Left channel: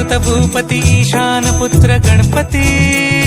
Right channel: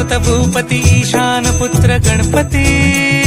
सुत भूपती ईशान पुत्र गणपती।